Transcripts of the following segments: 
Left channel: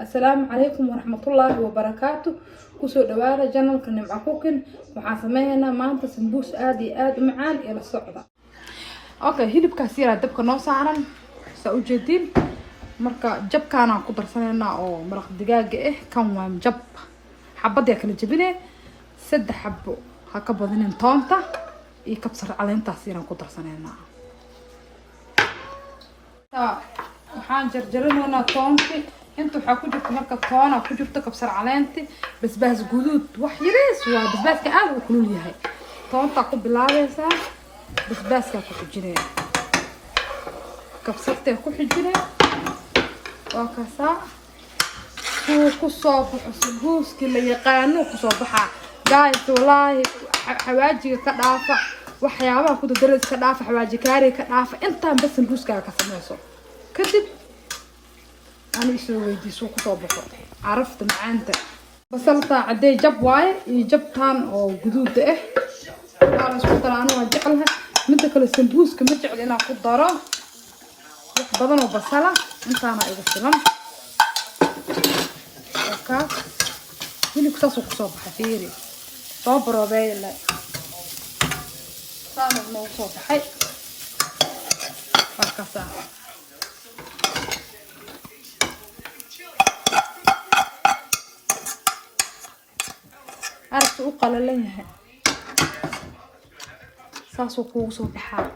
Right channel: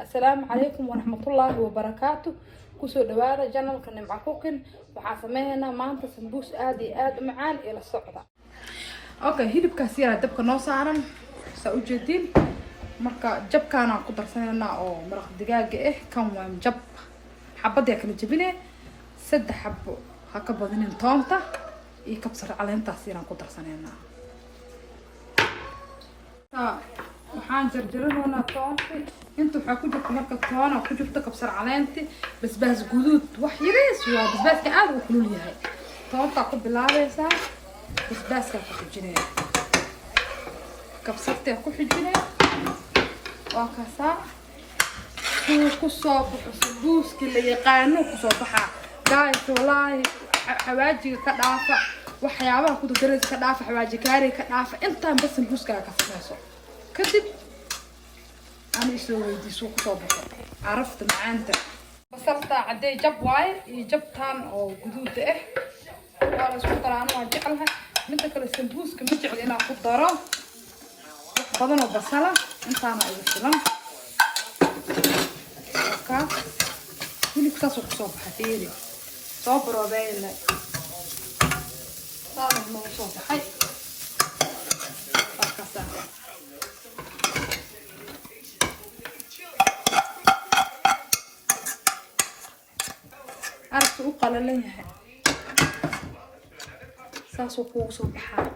السلام عليكم ورحمة الله وبركاته. كسو دوارة جنال كنمع كوكن وحاسمينا مانتا سنبوس آد معان إلى الصعدة. اوكي هيدب كاسيرا دبك نوصا عرن سأوجدين مركا جب كانا قدر سننا او مرق دقاق كان وان جب حبادي اكل جبيني سد حبو هكا بدنين طونتا يكبسر علين تاسيرا قدر سننا waxaan jarjaranaynaa toonti inta waxa ku jirta marka toona ku jirta kabsar caleenti basbaas guduud wax yariis waa basbaaska aad u kulul yahay toonta ku bilaabaysaa basbaaska ku xijinay kabsarta ku xijinay waa kaasa ku soo baxo sambuuski la yaqaano ku soo baxa gaay wallaahi xawaajiga ka dhaafa waxyaabaha ku dadalada ka dhaafa xawaaji kaari ka dhaafa intaan bas sambuuska ka sameeyso كدب أنا يسوي دي سوق طابخ عرفت معانته بصلت عدي جب واي يجب تان أو جدود أنا سويت أنا وجعلها من تكل السندوس كم جعل أنا خضرة بدنا بصلة أنت أنا إذا سلام أوكا هني كتاسو صباح حتيري صبرا بيلا سلام الله صباحي أوكا عرفت وقال ليه ساسو كوسو بحال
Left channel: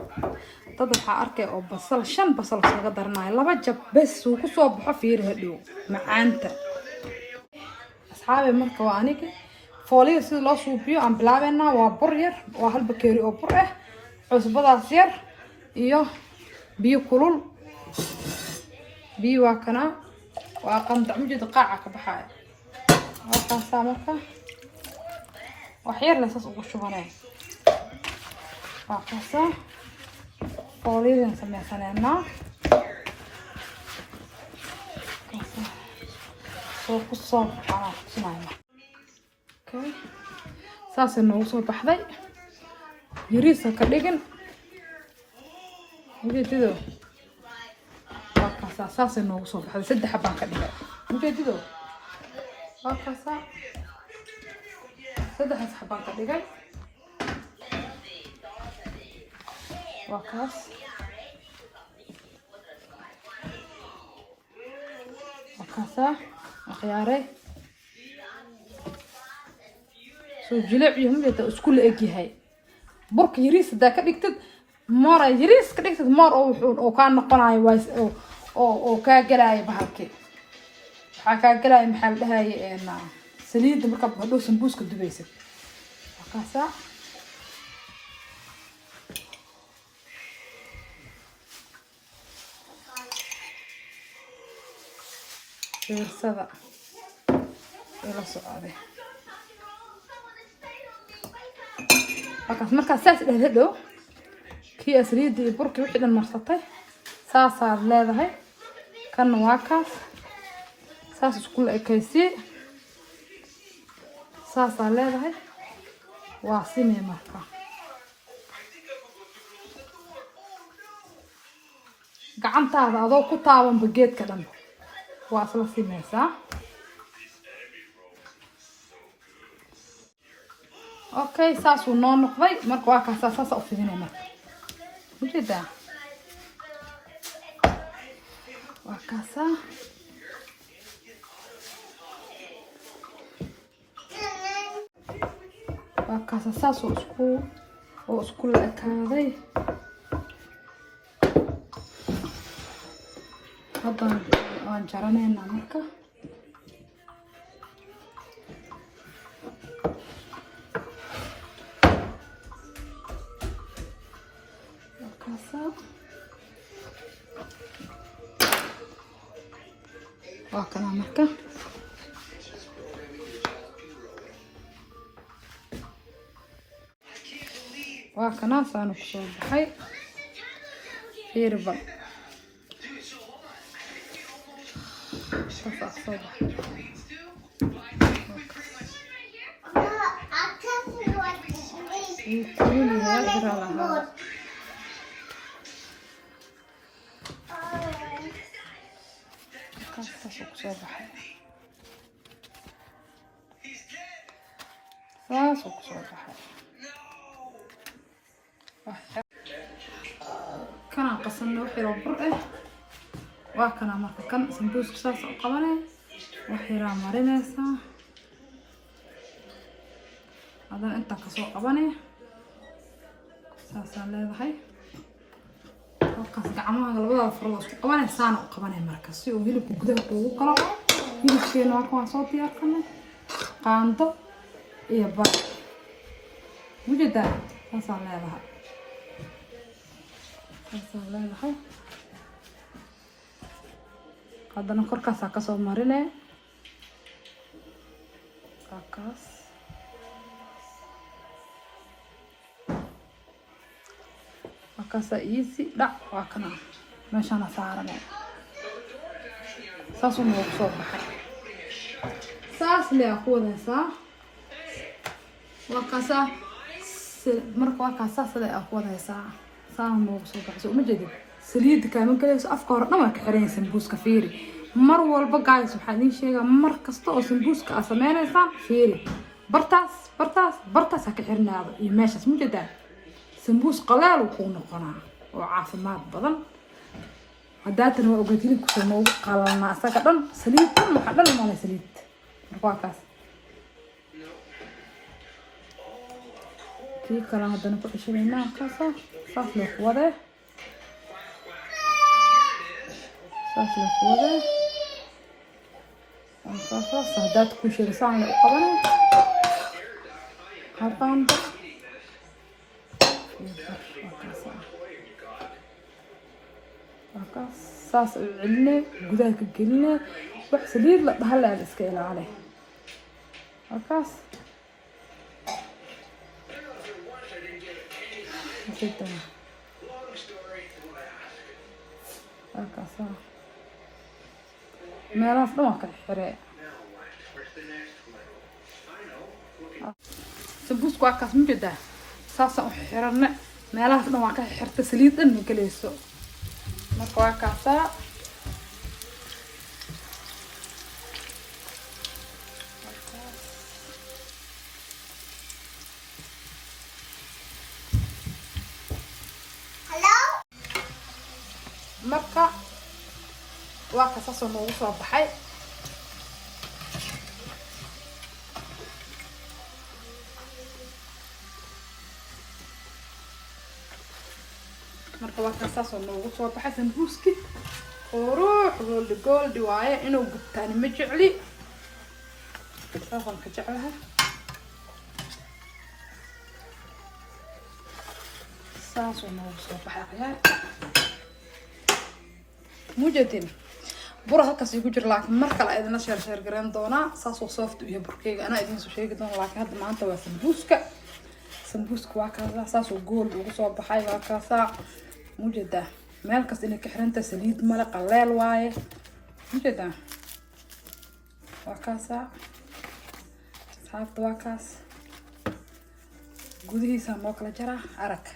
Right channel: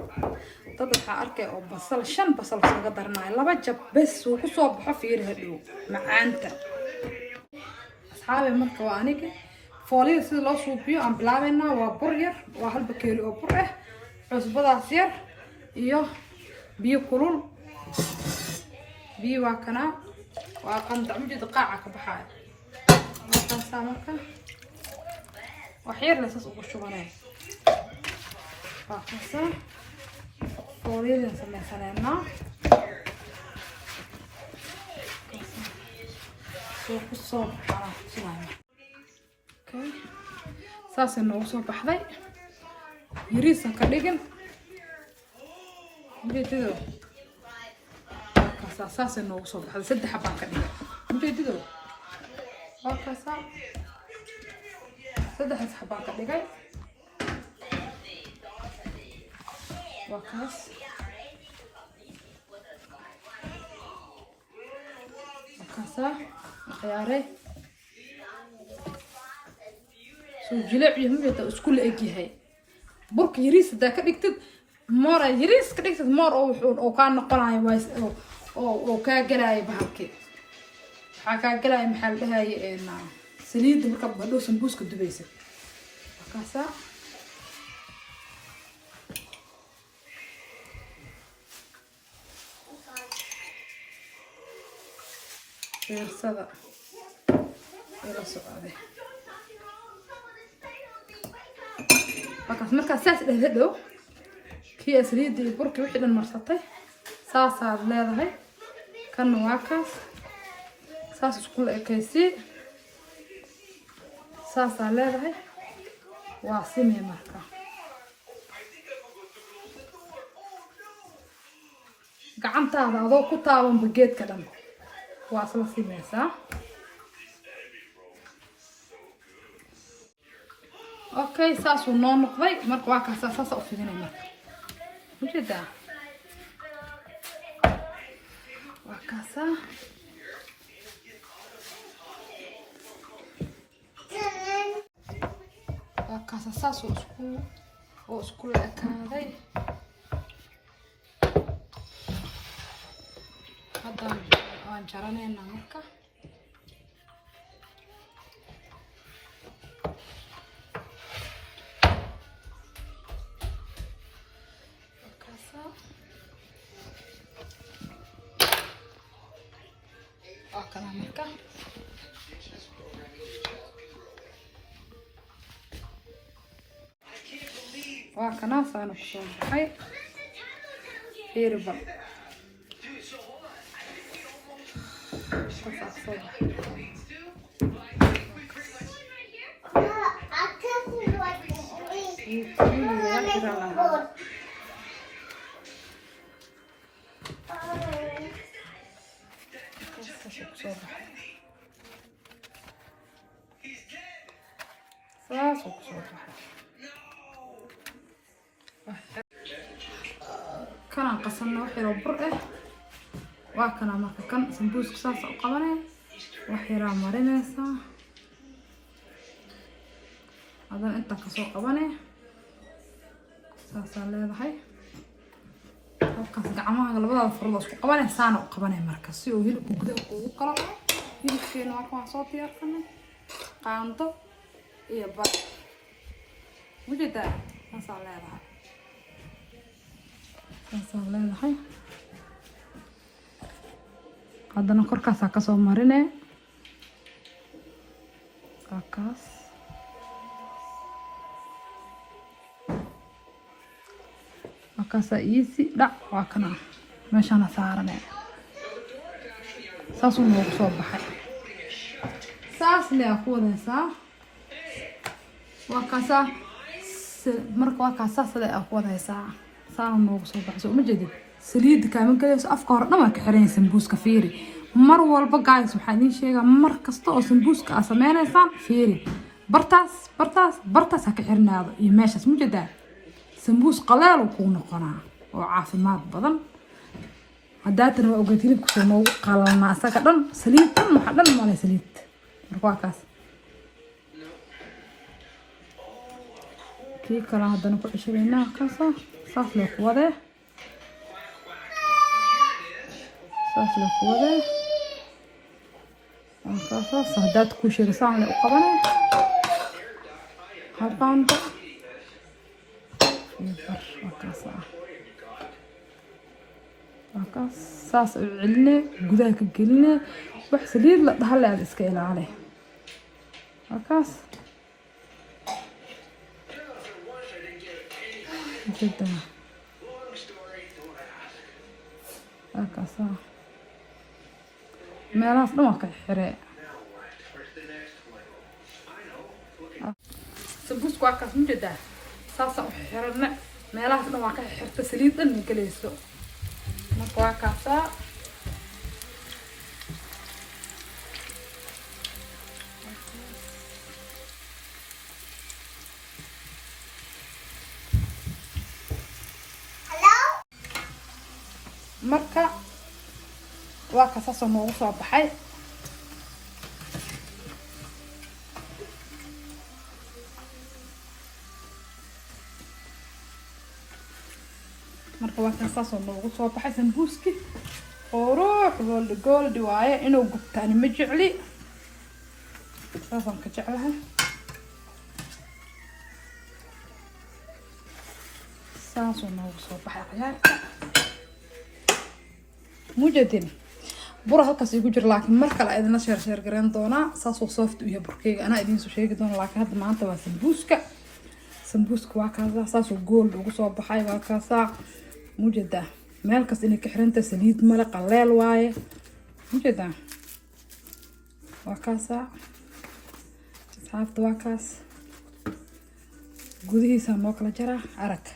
طبعا أركي أو بصل شن بصل قدرنا لما جب بس وكسو بحفير هدو معانتا أصحابي من كوانيك فولي سيد الله صوبيو عم بلابنا وبرير وهالبكيري وبره عصبة سير إيوه بيو كلول بيو واكنا وقام دعمجد قاعة بحال وقام سامركا وحير لساس وقشوباناي وقصة فوليدا نسميها سنانا وقصة سنانا اوكي ساس انه وصول بحذي يريسا كديقن مجددو وقصة ساس انه وصول بحذي سد حبان كديقن مجددو وقصة سد حبان كديقن وقص وقصة وخياري سو جلع يهم يتا اسكول اجي هاي برك يريس دا كدغتد مور يريس كدغتد مور او كان نقناي وايس او كا غلاي بحكي waxa ka galay maxaan dhahay saliid marka badho sambuuska dubaysid waqasa سبع إلى صعبة. مركز ساس الهدو كي أسريد يبرك وحدة المرصتة ساسا هذا هاي كان واقف ساس كل كيسي ساسا هذا هاي وعصيمي مركز قعمت هذا ذو كتابا بجيت كلام واصل سيمسا اوكي ساسو نو نقضي marka waa ka saasa u fiirinayna wajida waa kaasa saaso isku la ekaaday hadda aan jaranayna marka وكنا مركا وكنا صانو صباحي يربا صباح صباح ساس وصباح كان قصنا وحيرو برئه وكان marka kan sambuuska saas u qabanay waxira marinaysa hadan inta ka soo qabanay saas leedahay halkaas gacmaha labada furdo isku qabanay saan u qabanay marka si uu hilibku gudaha ugu kala hilibkeena waa kan soo diyaarsanay qaando iyo bar wujida saas leedahay leedahay haddana korkaas ka soo marinay halkaas halkaas easy dhac waa kan meeshaan saaran saas uu soo baxay saas leeyahay ku wadaysaa waa kaasa marka waa kaasa saas leeyahay ku wadaysaa saan uu soo baxay ma jeedid saliid kaaman galayso afka hore dhan waa ka xiran sambuuska fiiri mar walba guys waxaan idin sheegaa mar kasta oo sambuuska aad sameynaysaa fiiri bartaas ha ka xirnaado iyo meeshaas ma jeedaa sambuus qaleel uu noqonaa oo caafimaad badan haddaa tan waa ogaad hilibku sameeyo qalma asaga dhan saliid dhan waxa dhan ma leh saliid marka waa kaas kii kala haddana ku xishaynaa kaasa saas loo ku waday saas loo ku waday saas haddaad ku shiraysaa u qabanay halkaan saas u celinay gudaha ka gelinay wax saliid la dhaxal aad iska ilaali halkaas meelahaas dhan waa ka xiree sambuuska waa kaas ma jeedaa saasa u xiranna meelahaas dhan waa ka xirta saliid dhan ma gelayso marka waa kaasaa marka waa ka saasoo noogu soo baxay marka waa ka saasoo noogu soo baxay sambuuski oo ruux goldi waaye inuu gubtaani ma jecli saasaan ka jeclahay saasoo noogu soo baxay ciyaarka mujadin bura halkaas igu jir laakiin mar kale idina sheer gareyn doonaa saasoo soft iyo burkeyga anaa idin soo sheegi doona laakiin hadda maanta waa sambuuska waa kaasa saasoo gold ugu soo baxay waa kaasa mujada meel kas inay ka xiranta saliid male qaleel waaye mujada waa kaasa asxaabta waa kaas gudihiisa noo kala jara arag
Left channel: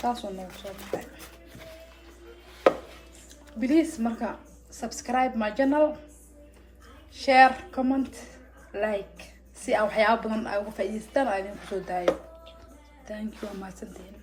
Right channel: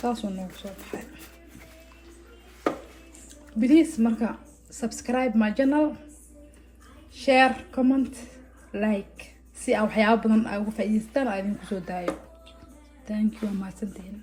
saasoo noogu soo baxay please marka subscribe my channel share comment like si aan waxyaabo badan uga faa'iidaystaan aan idinku soo daayo thank you mahadsantihiin